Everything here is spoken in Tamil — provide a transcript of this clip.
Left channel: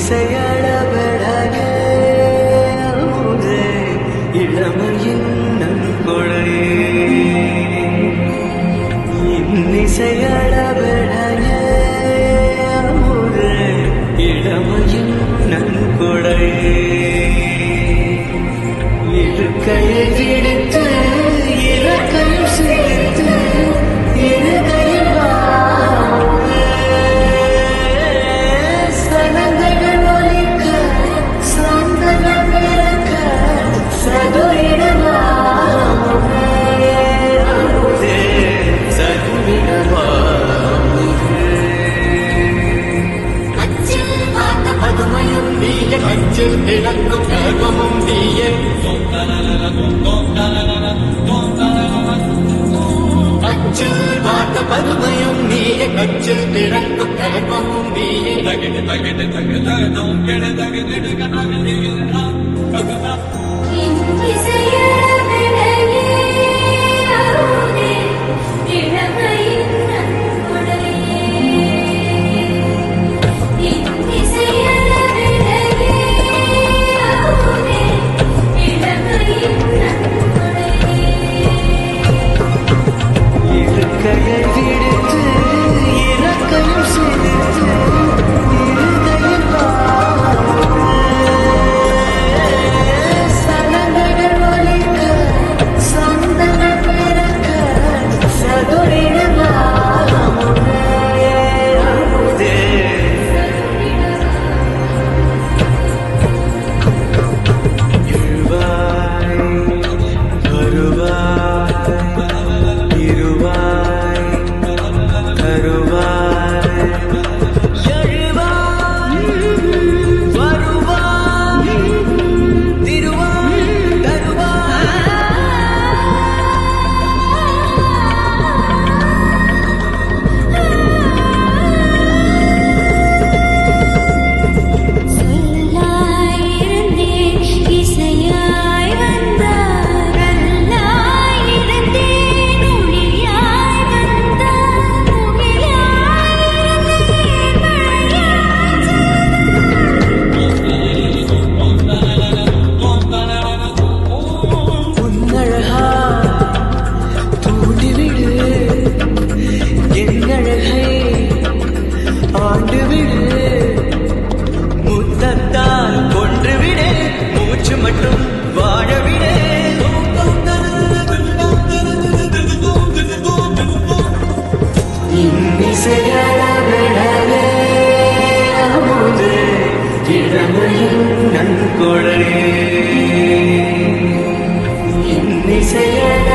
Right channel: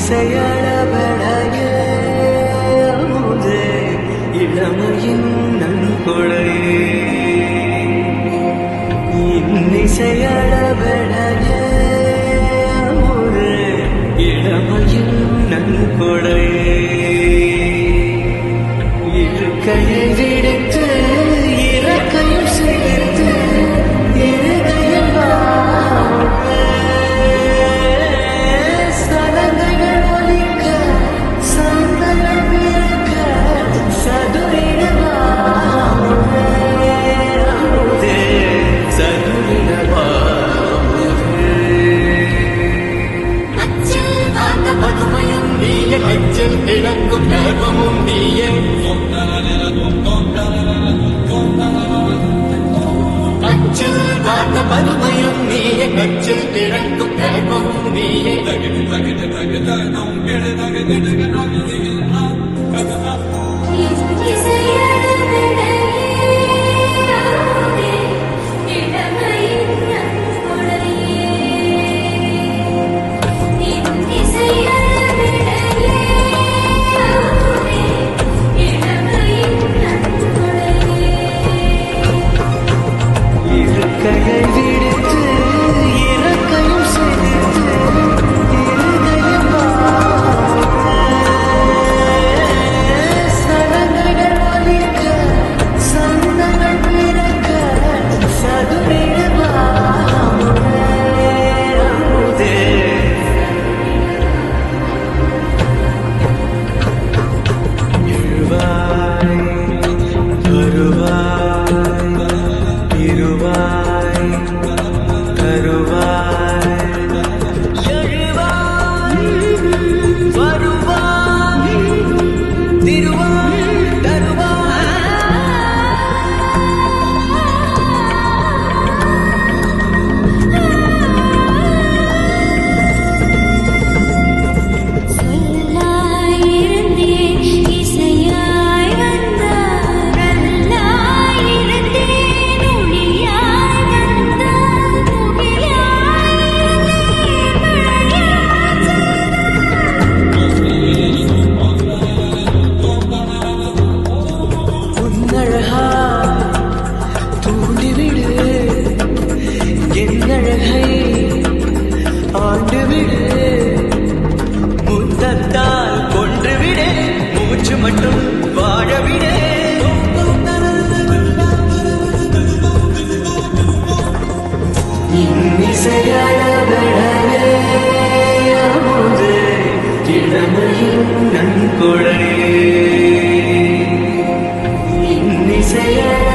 இன்னிசையளபடையே அமுதே இளமையின் நன்கொடையே இன்னிசையளபடையே அமுதே இளமையின் நன்கொடையே இருக்கையை விடுத்து இறக்கையும் சேர்த்து இருகையில் சனங்கள் ஒலிக்க சந்தங்கள் பிறக்க சதுரிடவாமுதே சதுரிடவாமுதே பதுமையும் நீய கச்சில் திளங்கும் கர்வமும் நீயே கச்சில் வாட்ட பதுமையும் நீயே கச்சில் திளங்கும் கர்வமும் நீயே கையை விடுத்து இறக்கையும் சேர்த்து இருகையில் சனங்கள் ஒலிக்க சந்தங்கள் பிறக்க சதுரிடவாமுதே அமுதே இருவாய் வருவாய் இருவாய் தருவாய் எழுவாய் வருவாய் திருவாய் தருவாய் சொல்லாய் இருந்தேன் இசையாய் வந்தாய் கல்லாய் இருந்தேன் ஒளியாய் வந்தாய் முகிலாய் உன்னழகா தூண்டிவிடு என்னழகை ஆண்டுவிடு முத்தத்தால் கொன்றுவிடு மூச்சு மட்டும் வாழவிடு இன்னிசையளபடையே அமுதே இளமையின் நன்கொடையே இன்னிசையளபடையே